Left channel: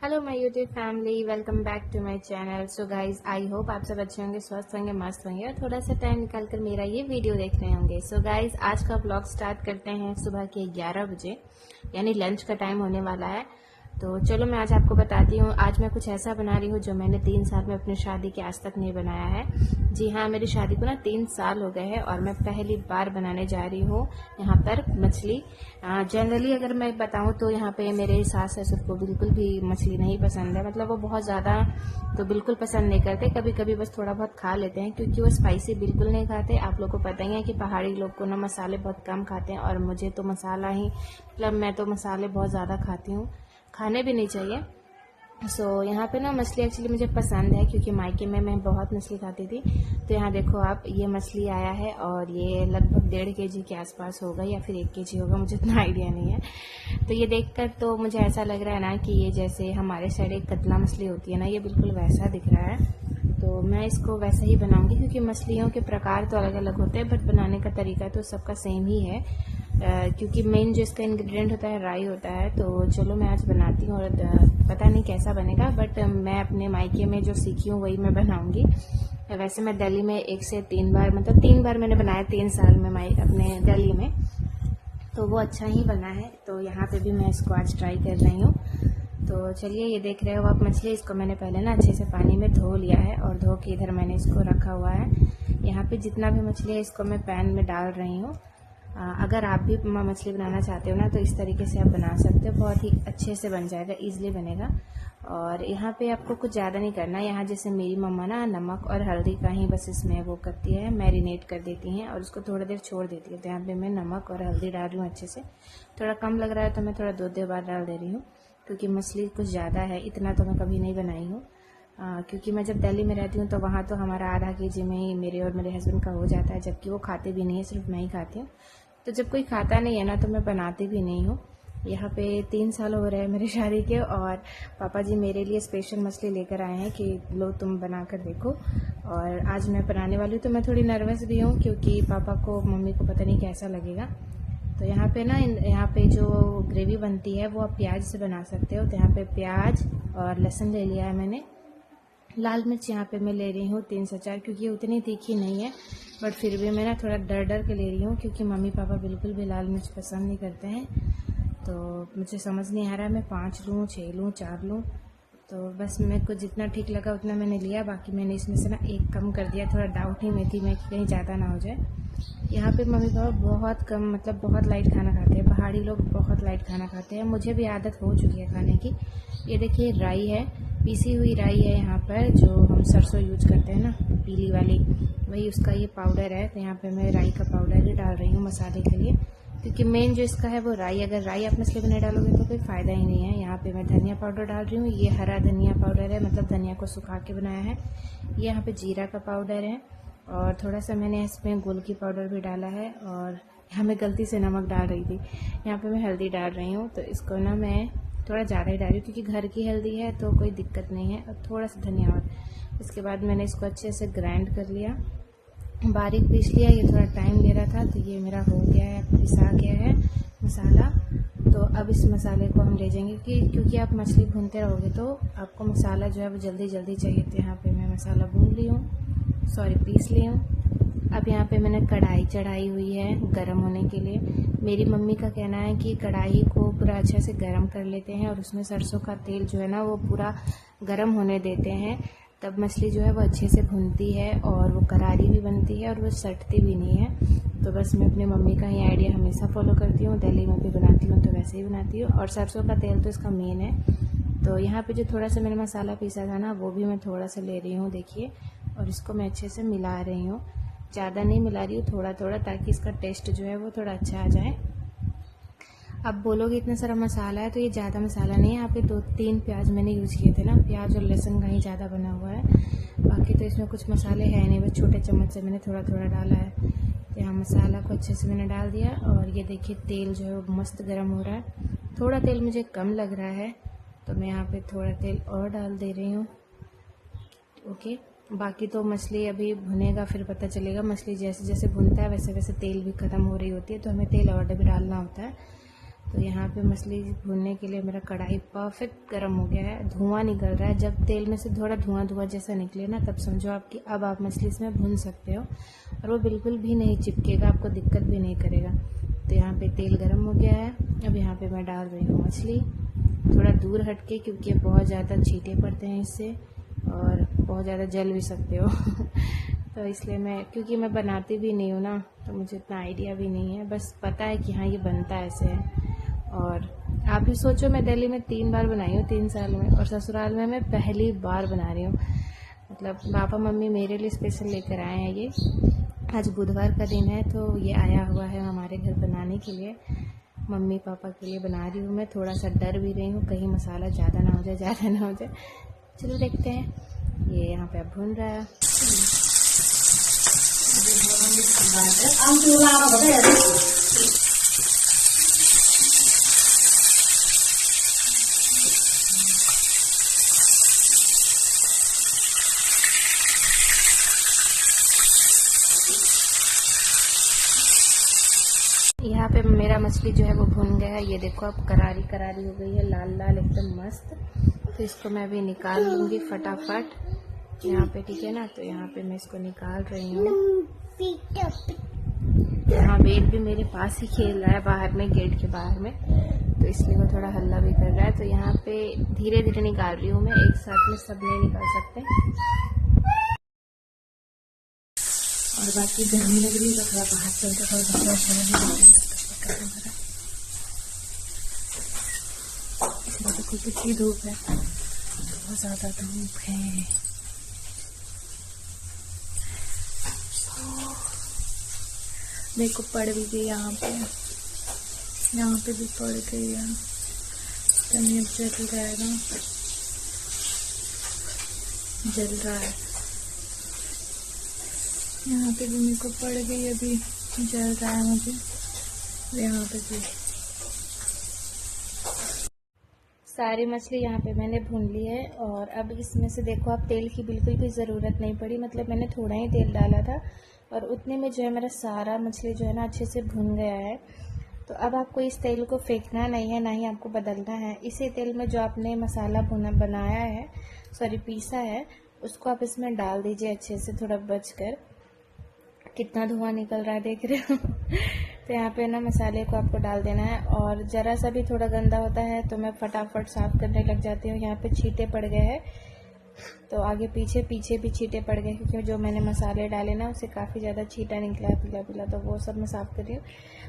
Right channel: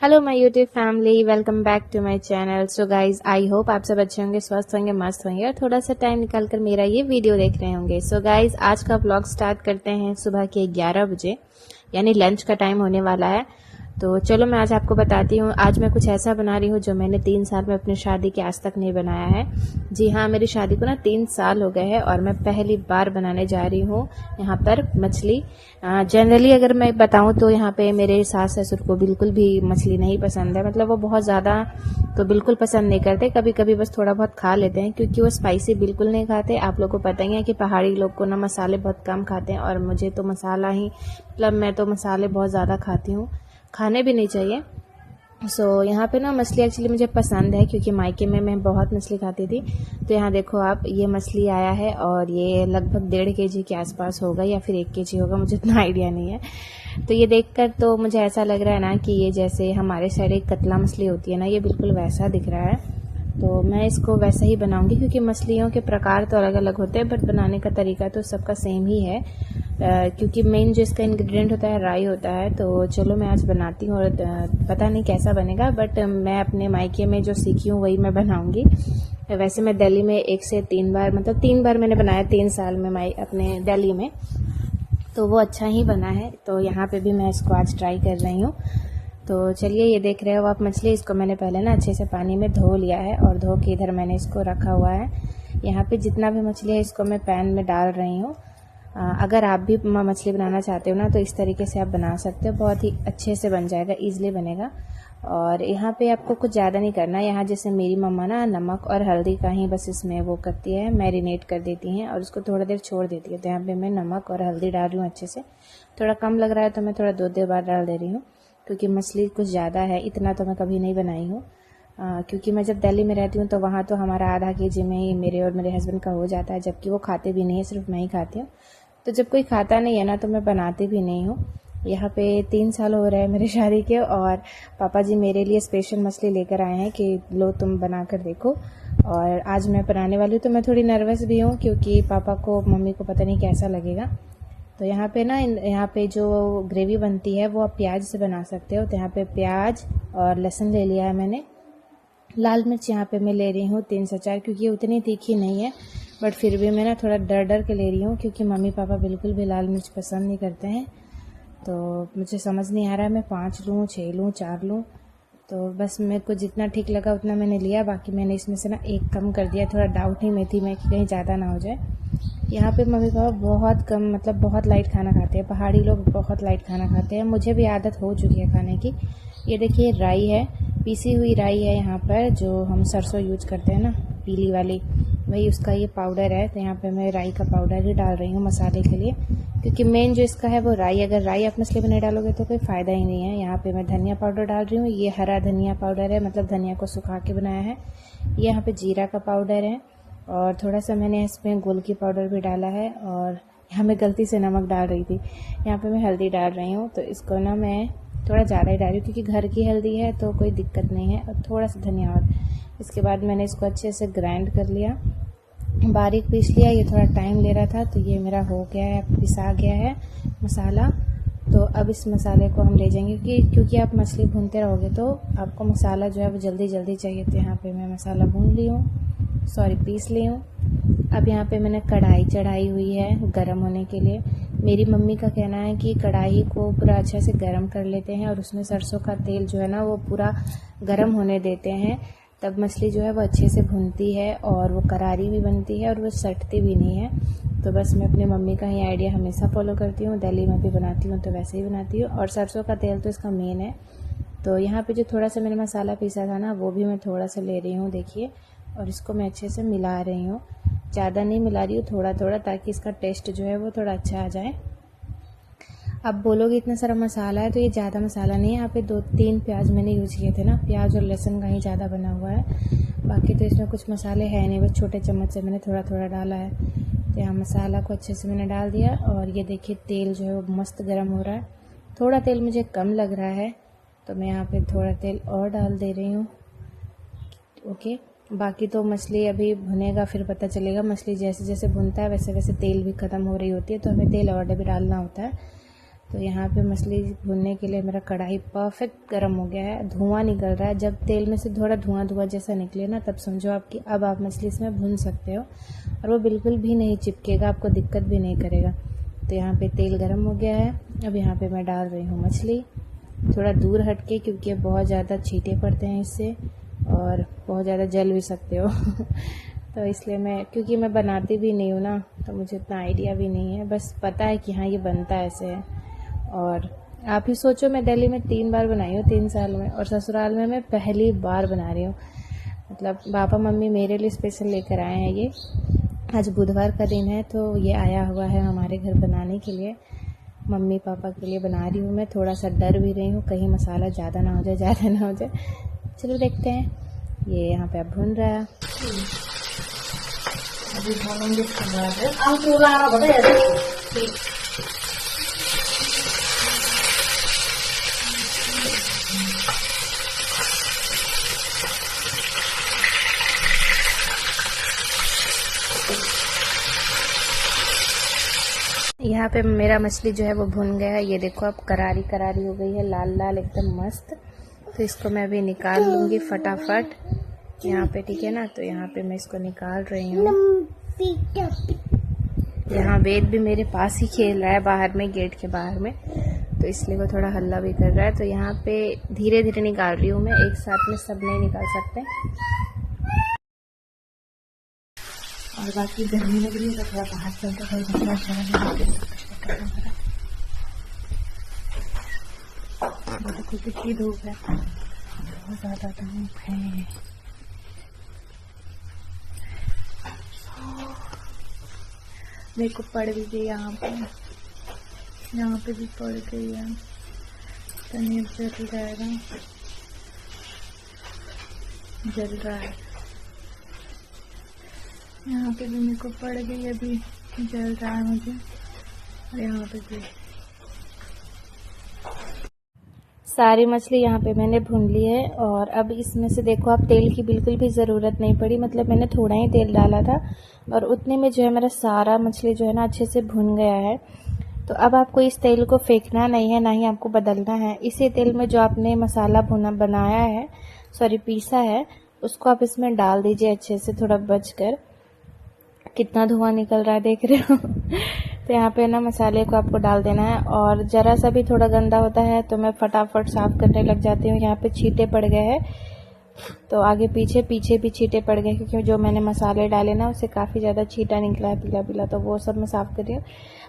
Hello my YouTube family, welcome back to my channel. So guys, I hope आप सब अच्छे होंगे, स्वस्थ होंगे, मस्त होंगे और थोड़ा सा टाइम निकाल कर मेरा ये वीडियो देख रहे होंगे। सो गाइज, आज का व्लॉग स्टार्ट करते हैं सुबह के 11 बजे, यानी लंच का टाइम होने वाला है। तो चलो मैं आज आपको बताती हूँ। आज मैं कुछ ऐसा बना रही हूँ जो मैंने 3 साल में अपनी शादी के आज तक नहीं बनाया है। जी हाँ, मेरी शादी को ना 3 साल हो गए हैं और मैं पहली बार बनाने जा रही हूँ यहाँ पर मछली। जनरली अगर मैं बताऊँ तो यहाँ पे मेरे सास ससुर को बिल्कुल भी मछली नहीं पसंद है। मतलब वो बहुत ज़्यादा तो बिल्कुल पसंद नहीं करते, कभी कभी बस थोड़ा बहुत खा लेते हैं, क्योंकि वो स्पाइसी बिल्कुल नहीं खाते। आप लोग को पता ही है कि पहाड़ी लोग को ना मसाले बहुत कम खाते हैं, और मुझे तो मसाला ही, मतलब मैं तो मसाले बहुत ज़्यादा खाती हूँ, खाने भी नहीं चाहिए। सो यहाँ पे ना मछली एक्चुअली मुझे पसंद है, क्योंकि मायके में मैं बहुत मछली खाती थी। तो यहाँ देखो आप, ये मछली आया है और ये लगभग 1.5 kg के आसपास होगा या फिर 1 kg होगा, मुझे इतना आइडिया नहीं है। तो ये देखकर तो मुझे ऐसा लग रहा है ना कि ये जैसे हमारे साइड एक कतला मछली होती है ना, ये बिल्कुल वैसा दिख रहा है। तो मैं इसको वैसा ही बनाऊंगी, क्योंकि मछलियों के प्रकार तो अलग अलग होते हैं, बट बनाने का तरीका तो सबका सेम ही है। क्योंकि मेन जो इसका इंग्रेडिएंट होता है राई होता है। तो चलो मैं आज बनाती हूँ, और पता नहीं कैसा बनेगा, बट मैं अपने मायके में जो सीखी हूँ वही मैं बनाऊंगी। वैसे मैं दिल्ली में 1 से 3 बार, मतलब 3 बार मैंने बनाया 3 साल में अपने दिल्ली में, तो वो अच्छा ही बना है। तो यहाँ पे भी मैं इसको आज ट्राई कर रही हूँ। तो चलिए, ये देख रहे हो आप मछली, इसको मैंने पहले ना अच्छे से पानी में धो लिया है, और धो के इधर मैंने इसको रखा हुआ है। यहाँ पे जितना भी मछली है इसको मैं पैन में डाल रही हूँ। अगर आप भी मछली बनाना चाहते हो ना, तो इस तरीके से आप बना सकते हो, बहुत ही अच्छे से बन जाएगा, ईजिली बनेगा। और यहाँ पे आपको कुछ ज़्यादा नहीं करना। यहाँ जैसे मेरी मम्मा ना नमक और हल्दी का ही बस इसमें वो करती है, मैरिनेट कर देती हैं और उसको थोड़ा देर छोड़ देती है। तो यहाँ पे मैं नमक और हल्दी डाल रही हूँ अच्छे से। थोड़ा कम लग रहा है तो मैं थोड़ा 2 बार डाल दे रही हूँ, क्योंकि मछली कुछ ज़्यादा है, इतना तो मैं कभी नहीं बनाई हूँ। क्योंकि मैं जब दिल्ली में रहती हूँ तो वहाँ तो हमारा आधा kg में ही मेरे और मेरे हस्बैंड का हो जाता है, जबकि वो खाते भी नहीं है, सिर्फ मैं ही खाती हूँ। तो जब कोई खाता नहीं है ना, तो मैं बनाती भी नहीं हूँ। यहाँ पे 3 साल हो रहे हैं मेरी शादी के, और पापा जी मेरे लिए स्पेशल मछली लेकर आए हैं कि लो तुम बना कर देखो। और आज मैं बनाने वाली हूँ, तो मैं थोड़ी नर्वस भी हूँ, क्योंकि पापा को मम्मी को पता नहीं कैसा लगेगा। तो यहाँ पे ना, यहाँ पे जो ग्रेवी बनती है वो आप प्याज से बना सकते हो। तो यहाँ पे प्याज और लहसुन ले लिया है मैंने। लाल मिर्च यहाँ पे मैं ले रही हूँ 3 से 4, क्योंकि ये उतनी तीखी नहीं है, बट फिर भी मैं ना थोड़ा डर डर के ले रही हूँ, क्योंकि मम्मी पापा बिल्कुल भी लाल मिर्च पसंद नहीं करते हैं। तो मुझे समझ नहीं आ रहा मैं 5 लूँ, 6 लूँ, 4 लूँ। तो बस मेरे को जितना ठीक लगा उतना मैंने लिया, बाकी मैंने इसमें से ना एक कम कर दिया। थोड़ा डाउट ही में थी मैं कि कहीं ज़्यादा ना हो जाए। यहाँ पे मम्मी पापा बहुत कम, मतलब बहुत लाइट खाना खाते हैं, पहाड़ी लोग बहुत लाइट खाना खाते हैं, मुझे भी आदत हो चुकी है खाने की। ये देखिए राई है, पीसी हुई राई है यहाँ पर, जो हम सरसों यूज करते हैं ना, पीली वाली, वही उसका ये पाउडर है। तो यहाँ पे मैं राई का पाउडर ही डाल रही हूँ मसाले के लिए, क्योंकि मेन जो इसका है वो राई। अगर राई आप मछली में नहीं डालोगे तो कोई फ़ायदा ही नहीं है। यहाँ पे मैं धनिया पाउडर डाल रही हूँ, ये हरा धनिया पाउडर है, मतलब धनिया को सुखा के बनाया है। ये यहाँ पे जीरा का पाउडर है, और थोड़ा सा मैंने इसमें गोलकी पाउडर भी डाला है, और यहाँ मैं गलती से नमक डाल रही थी। यहाँ पे मैं हल्दी डाल रही हूँ। तो इसको ना मैं थोड़ा ज़्यादा ही डाली, क्योंकि घर की हल्दी है तो कोई दिक्कत नहीं है। और थोड़ा सा धनिया, और इसके बाद मैंने इसको अच्छे से ग्राइंड कर लिया, बारीक पीस लिया। ये थोड़ा टाइम ले रहा था, तो ये मेरा हो गया है, पिसा गया है मसाला। तो अब इस मसाले को हम ले जाएंगे, क्योंकि आप मछली भूनते रहोगे तो आपको मसाला जो है वो जल्दी जल्दी चाहिए। तो यहाँ पे मैं मसाला भून ली हूँ, पीस ली हूँ। अब यहाँ पे मैंने कढ़ाई चढ़ाई हुई है गरम होने के लिए। मेरी मम्मी का कहना है कि कढ़ाई को पूरा अच्छे से गरम कर लेते हैं, और उसमें सरसों का तेल जो है ना वो पूरा गरम होने देते हैं, तब मछली जो है वो अच्छे से भुनती है, और वो करारी भी बनती है, और वो सटती भी नहीं है। तो बस मैं अपनी मम्मी का ही आइडिया हमेशा फॉलो करती हूँ, दिल्ली में भी बनाती हूँ तो वैसे ही बनाती हूँ। और सरसों का तेल तो इसका मेन है। तो यहाँ पे जो थोड़ा सा मैंने मसाला पीसा था ना, वो भी मैं थोड़ा सा ले रही हूँ, देखिए। और इसको मैं अच्छे से मिला रही हूँ, ज़्यादा नहीं मिला रही हूँ, थोड़ा थोड़ा, ताकि इसका टेस्ट जो है वो थोड़ा अच्छा आ जाए। अब बोलोगे इतना सारा मसाला है, तो ये ज़्यादा मसाला नहीं है। यहाँ पे 2-3 प्याज मैंने यूज़ किए थे ना, प्याज और लहसुन का ही ज़्यादा बना हुआ है। बाकी तो इसमें कुछ मसाले हैं नहीं, बस छोटे चम्मच से मैंने थोड़ा थोड़ा डाला है। तो यहाँ मसाला को अच्छे से मैंने डाल दिया, और ये देखिए तेल जो है वो मस्त गर्म हो रहा है। थोड़ा तेल मुझे कम लग रहा है, तो मैं यहाँ पे थोड़ा तेल और डाल दे रही हूँ। ओके, बाकी तो मछली अभी भुनेगा, फिर पता चलेगा। मछली जैसे जैसे भुनता है वैसे वैसे तेल भी ख़त्म हो रही होती है, तो हमें तेल और भी डालना होता है। तो यहाँ पे मछली भूनने के लिए मेरा कढ़ाई परफेक्ट गर्म हो गया है, धुआं निकल रहा है। जब तेल में से थोड़ा धुआं धुआं जैसा निकले ना, तब समझो आपकी अब आप मछली इसमें भून सकते हो और वो बिल्कुल भी नहीं चिपकेगा, आपको दिक्कत भी नहीं करेगा। तो यहाँ पे तेल गर्म हो गया है। अब यहाँ पे मैं डाल रही हूँ मछली, थोड़ा दूर हट के, क्योंकि बहुत ज़्यादा छींटे पड़ते हैं इससे और बहुत ज़्यादा जल भी सकते हो तो इसलिए क्योंकि मैं बनाती भी नहीं हूँ ना, तो मुझे इतना आइडिया भी नहीं है, बस पता है कि हाँ ये बनता ऐसे है। और आप ही सोचो, मैं दिल्ली में 3 बार बनाई हूँ 3 साल में, और ससुराल में मैं पहली बार बना रही हूँ। मतलब पापा मम्मी मेरे लिए स्पेशल लेकर आए हैं ये। आज बुधवार का दिन है, तो ये आया हुआ है हमारे घर बनाने के लिए। मम्मी पापा के लिए बना रही हूँ मैं। थोड़ा सा डर भी रही हूँ कहीं मसाला ज़्यादा ना हो जाए, ज़्यादा ना हो जाए। चलो देखते हैं। ये यहाँ पे अब भून रहा है। अभी भूनेंगे इसके बाद यहाँ पे मेरा मछली जो है वो भुन गया है। ये देखो अब करारी करारी हो गई है, लाल लाल एकदम मस्त। तो इसको मैं अभी निकाल लूँगी फटाफट यहाँ पे, ठीक है ना। तो यहाँ पे मैं इसको निकाल रही हूँ। यहाँ वेद भी मेरे पास ही खेल रहा है बाहर में, गेट के बाहर में, तो इसलिए वो थोड़ा हल्ला भी कर रहा है। तो यहाँ पे धीरे धीरे निकाल रही हूँ मैं, एक साथ में सब नहीं निकाल सकते। और बाकी गर्मी लग रही है तो थोड़ा बाहर चलते थोड़ा बहुत कितनी धूप है, बहुत ज़्यादा धूप है। देखो पड़ भी गई यहाँ पे भी पड़ गई है। पनीर जल रहा है, यहाँ पे भी मेरे को पड़ गई, अभी जल रहा है मुझे। यहाँ पे भी सारी मछली यहाँ पे मैंने भून ली है। और अब इसमें से देखो, आप तेल की बिल्कुल भी ज़रूरत नहीं पड़ी, मतलब मैंने थोड़ा ही तेल डाला था और उतने में जो है मेरा सारा मछली जो है ना अच्छे से भुन गया है। तो अब आपको इस तेल को फेंकना नहीं है, ना ही आपको बदलना है। इसी तेल में जो आपने मसाला बनाया है, पीसा है, उसको आप इसमें डाल दीजिए अच्छे से, थोड़ा बच कर। कितना धुआं निकल रहा है देख रहे हो तो यहाँ पे ना मसाले को आपको डाल देना है। और ज़रा सा भी थोड़ा गंदा होता है तो मैं फटाफट साफ़ करने लग जाती हूँ। यहाँ पे छींटे पड़ गए हैं, तो आगे पीछे भी छींटे पड़ गए, क्योंकि जो मैंने मसाले डाले ना उससे काफ़ी ज़्यादा छींटा निकला है पीला पीला, तो वो सब मैं साफ़ कर रही हूँ।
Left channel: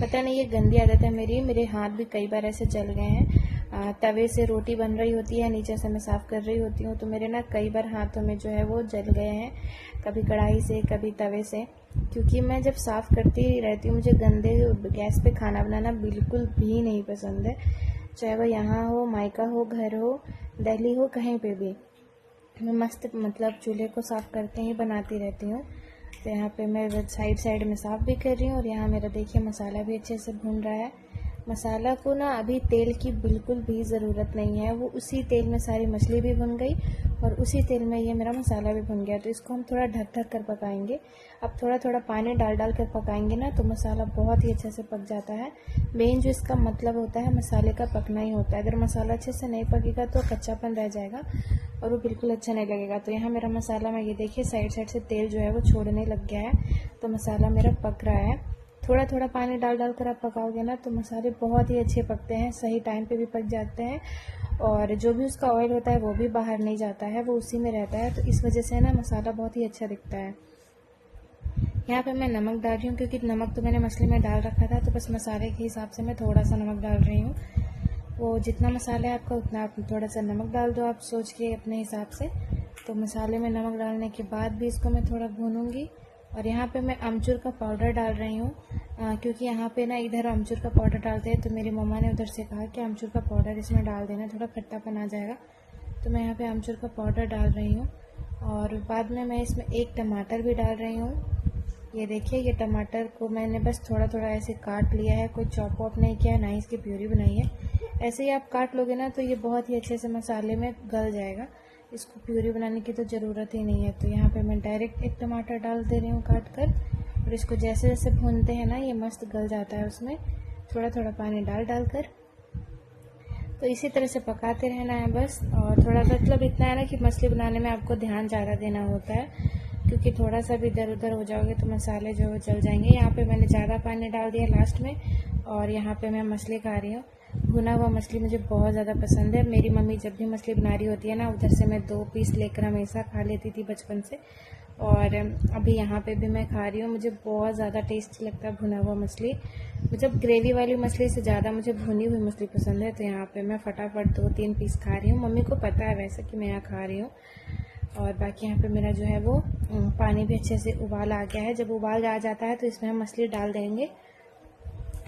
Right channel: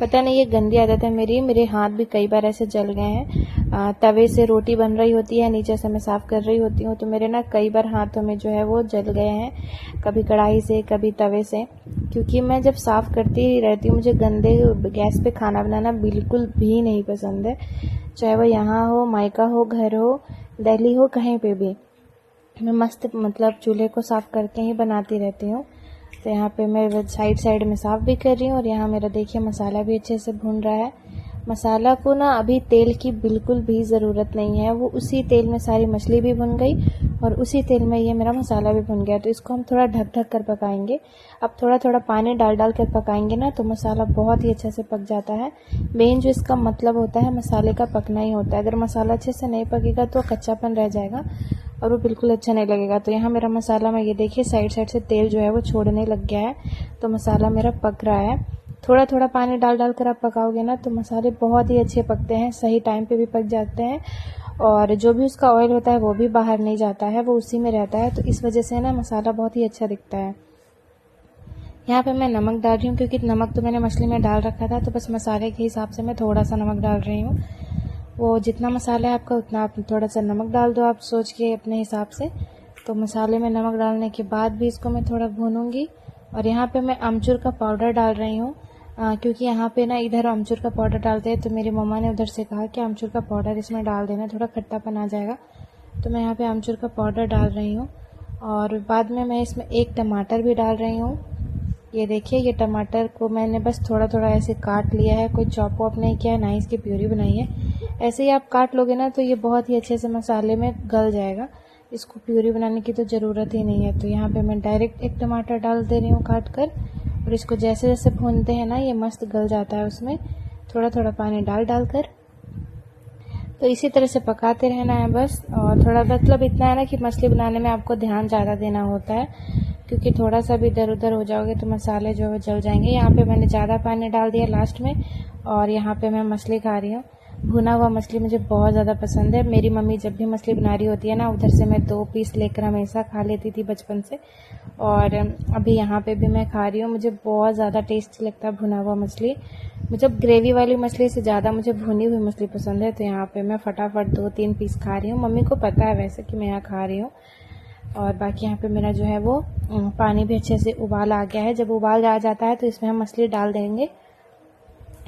पता नहीं ये गंदी आदत है मेरे हाथ भी कई बार ऐसे जल गए हैं। तवे से रोटी बन रही होती है, नीचे से मैं साफ़ कर रही होती हूँ, तो मेरे ना कई बार हाथों में जो है वो जल गए हैं, कभी कढ़ाई से कभी तवे से। क्योंकि मैं जब साफ़ करती रहती हूँ, मुझे गंदे गैस पे खाना बनाना बिल्कुल भी नहीं पसंद है, चाहे वो यहाँ हो, मायका हो, घर हो, दिल्ली हो, कहीं पे भी। मैं मस्त मतलब चूल्हे को साफ़ करके ही बनाती रहती हूँ। तो यहाँ पे मैं साइड में साफ़ भी कर रही हूँ। और यहाँ मेरा देखिए मसाला भी अच्छे से भून रहा है। मसाला को ना अभी तेल की बिल्कुल भी ज़रूरत नहीं है, वो उसी तेल में सारी मछली भी भुन गई और उसी तेल में ये मेरा मसाला भी भुन गया। तो इसको हम थोड़ा ढक कर पकाएंगे। अब थोड़ा थोड़ा पानी डाल कर पकाएंगे ना, तो मसाला बहुत ही अच्छे से पक जाता है। मेन जो इसका मतलब होता है मसाले का पकना ही होता है। अगर मसाला अच्छे से नहीं पकेगा तो कच्चापन रह जाएगा और वो बिल्कुल अच्छा नहीं लगेगा। तो यहाँ मेरा मसाला, मैं ये देखिए साइड से तेल जो है वो छोड़ने लग गया है, तो मसाला मेरा पक रहा है। थोड़ा थोड़ा पानी डाल कर आप पकाओगे ना तो मसाले बहुत ही अच्छे पकते हैं, सही टाइम पे भी पक जाते हैं। और जो भी उसका ऑयल होता है वो भी बाहर नहीं जाता है, वो उसी में रहता है। तो इस वजह से ना मसाला बहुत ही अच्छा दिखता है। यहाँ पे मैं नमक डाल रही हूँ, क्योंकि नमक तो मैंने मछली में डाल रखा था, तो बस मसाले के हिसाब से मैं थोड़ा सा नमक डाल रही हूँ। वो जितना मसाला है आपका उतना आप थोड़ा सा नमक डाल दो, आप सोच के अपने हिसाब से। तो मसाले में नमक डालने के बाद भी इसको मैं थोड़ा भूनूंगी। और यहाँ पे मैं अमचूर का पाउडर डाल रही हूँ, क्योंकि यहाँ पे ना इधर अमचूर का पाउडर डालते हैं, तो मेरी मम्मा ने उधर से कहा कि अमचूर का पाउडर इसमें डाल देना, थोड़ा खट्टापन आ जाएगा। तो मैं यहाँ पे अमचूर का पाउडर डाल रही हूँ। और बाद में मैं इसमें एक टमाटर भी डाल रही हूँ। ये देखिए, ये टमाटर को मैंने बस थोड़ा थोड़ा ऐसे काट लिया है, कोई चॉप वॉप नहीं किया है, ना ही इसकी प्यूरी बनाई है। ऐसे ही आप काट लोगे ना तो ये बहुत ही अच्छे से मसाले में गल जाएगा, इसको प्यूरी बनाने की तो ज़रूरत ही नहीं है। तो यहाँ पे मैं डायरेक्ट एक टमाटर डाल दे रही हूँ काट कर, और इसको जैसे जैसे भूनते हैं ना ये मस्त गल जाता है। उसमें थोड़ा थोड़ा पानी डाल कर तो इसी तरह से पकाते रहना है बस। और थोड़ा मतलब इतना है ना कि मछली बनाने में आपको ध्यान ज़्यादा देना होता है, क्योंकि थोड़ा सा भी इधर उधर हो जाओगे तो मसाले जो जल जाएंगे। यहाँ पे मैंने ज़्यादा पानी डाल दिया लास्ट में। और यहाँ पे मैं मछली खा रही हूँ। भुना हुआ मछली मुझे बहुत ज़्यादा पसंद है। मेरी मम्मी जब भी मछली बना रही होती है ना, उधर से मैं 2 पीस लेकर हमेशा खा लेती थी बचपन से। और अभी यहाँ पे भी मैं खा रही हूँ। मुझे बहुत ज़्यादा टेस्टी लगता है भुना हुआ मछली। मतलब ग्रेवी वाली मछली से ज़्यादा मुझे भुनी हुई मछली पसंद है। तो यहाँ पे मैं फटाफट 2-3 पीस खा रही हूँ। मम्मी को पता है वैसे कि मैं यहाँ खा रही हूँ। और बाकी यहाँ पे मेरा जो है वो पानी भी अच्छे से उबाल आ गया है। जब उबाल आ जाता है तो इसमें हम मछली डाल देंगे।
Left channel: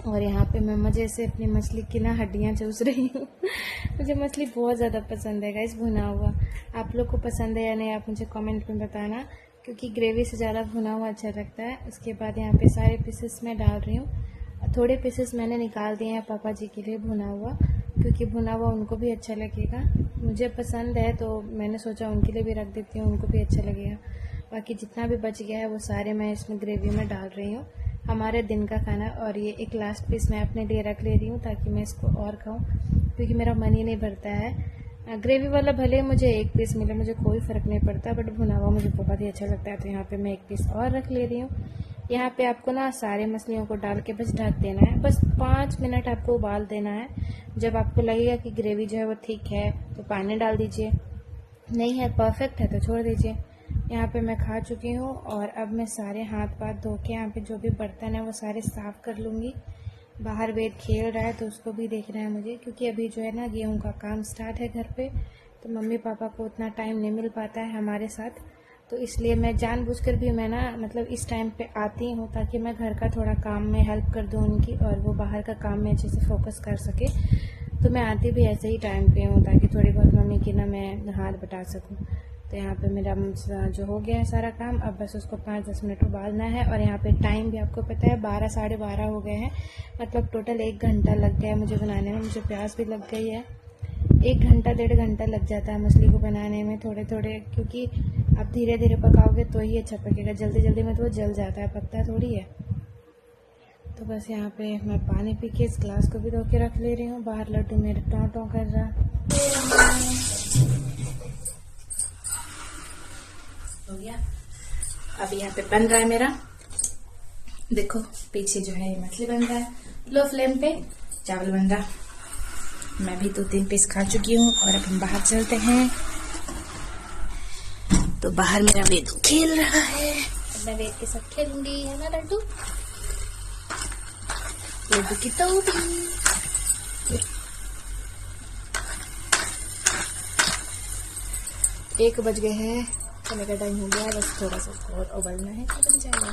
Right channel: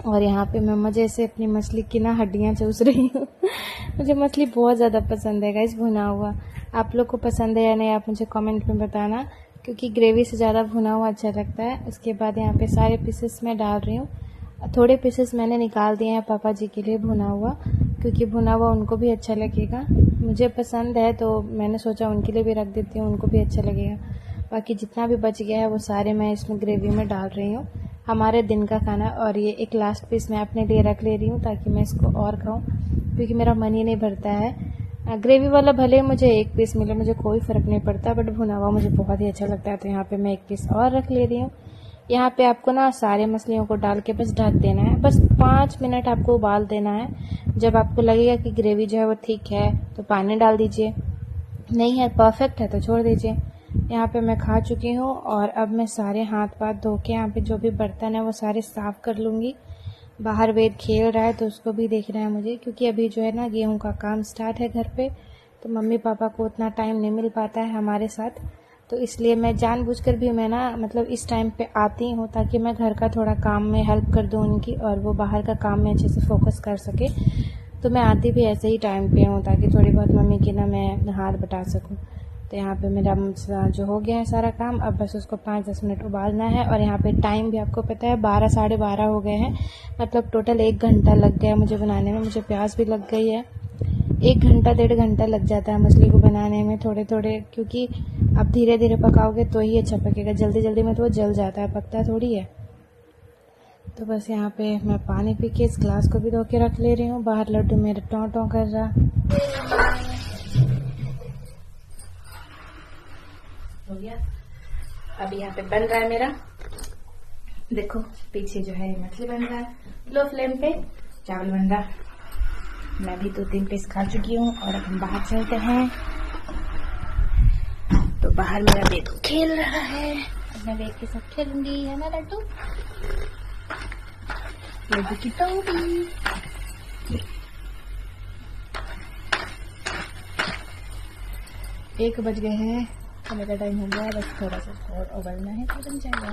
और यहाँ पे मैं मज़े से अपनी मछली की ना हड्डियाँ चूस रही हूँ। मुझे मछली बहुत ज़्यादा पसंद है गाइस भुना हुआ। आप लोग को पसंद है या नहीं आप मुझे कमेंट में बताना, क्योंकि ग्रेवी से ज़्यादा भुना हुआ अच्छा लगता है। उसके बाद यहाँ पे सारे पीसेस मैं डाल रही हूँ। थोड़े पीसेस मैंने निकाल दिए हैं पापा जी के लिए भुना हुआ, क्योंकि भुना हुआ उनको भी अच्छा लगेगा। मुझे पसंद है तो मैंने सोचा उनके लिए भी रख देती हूँ, उनको भी अच्छा लगेगा। बाकी जितना भी बच गया है वो सारे मैं इसमें ग्रेवी में डाल रही हूँ। हमारे दिन का खाना। और ये एक लास्ट पीस मैं अपने लिए रख ले रही हूँ ताकि मैं इसको और खाऊं, क्योंकि मेरा मन ही नहीं भरता है। ग्रेवी वाला भले मुझे 1 पीस मिले, मुझे कोई फ़र्क नहीं पड़ता, बट भुना हुआ मुझे बहुत ही अच्छा लगता है। तो यहाँ पे मैं 1 पीस और रख ले रही हूँ। यहाँ पे आपको ना सारे मछलियों को डाल के बस ढक देना है। बस 5 मिनट आपको उबाल देना है। जब आपको लगेगा कि ग्रेवी जो है वो ठीक है तो पानी डाल दीजिए, नहीं है परफेक्ट है तो छोड़ दीजिए। यहाँ पे मैं खा चुकी हूँ। और अब मैं सारे हाथ पाथ धो के यहाँ पे जो भी बर्तन है वो सारे साफ़ कर लूँगी। बाहर वेद खेल रहा है तो उसको भी देखना है मुझे, क्योंकि अभी जो है ना गेहूँ का काम स्टार्ट है घर पे, तो मम्मी पापा को उतना टाइम नहीं मिल पाता है हमारे साथ। तो इसलिए मैं जानबूझकर भी मैं ना मतलब इस टाइम पे आती हूँ ताकि मैं घर का थोड़ा काम में हेल्प कर दूँ उनकी, और वो बाहर का काम में अच्छे से फोकस कर सके। तो मैं आती भी ऐसे ही टाइम पे हूँ ताकि थोड़ी बहुत मम्मी की ना मैं हाथ बटा सकूँ। तो यहाँ पे मेरा जो हो गया है सारा काम, अब बस उसको 5-10 मिनट उबालना है। और यहाँ पे टाइम भी आपको पता है 12 साढ़े 12 हो गए हैं। मतलब टोटल 1 घंटा लग गया मुझे बनाने में। मुझे प्यास भी लग गई है। 1 घंटा 1.5 घंटा लग जाता है मछली को बनाने में थोड़े थोड़े, क्योंकि आप धीरे धीरे पकाओगे तो ही अच्छा पकेगा। जल्दी जल्दी में तो वो जल जाता है, पकता थोड़ी है। तो बस यहाँ पे मैं पानी पी के इस ग्लास को भी धो के रख ले रही हूँ। बाहर लड्डू मेरे टों टों कर रहा हो गया। अब यहाँ पे बन रहा है मेरा, देखो पीछे जो है मछली बन रहा है, लो फ्लेम पे चावल बन रहा। मैं भी 2-3 पीस खा चुकी हूँ। और अब हम बाहर चलते हैं। तो बाहर मेरा वेद खेल रहा है, अब मैं वेद के साथ खेलूंगी, है ना लड्डू? लड्डू की टोपी। 1 बज गए हैं, खाने का टाइम हो गया है। बस थोड़ा सा और उबलना है तो बन जाएगा।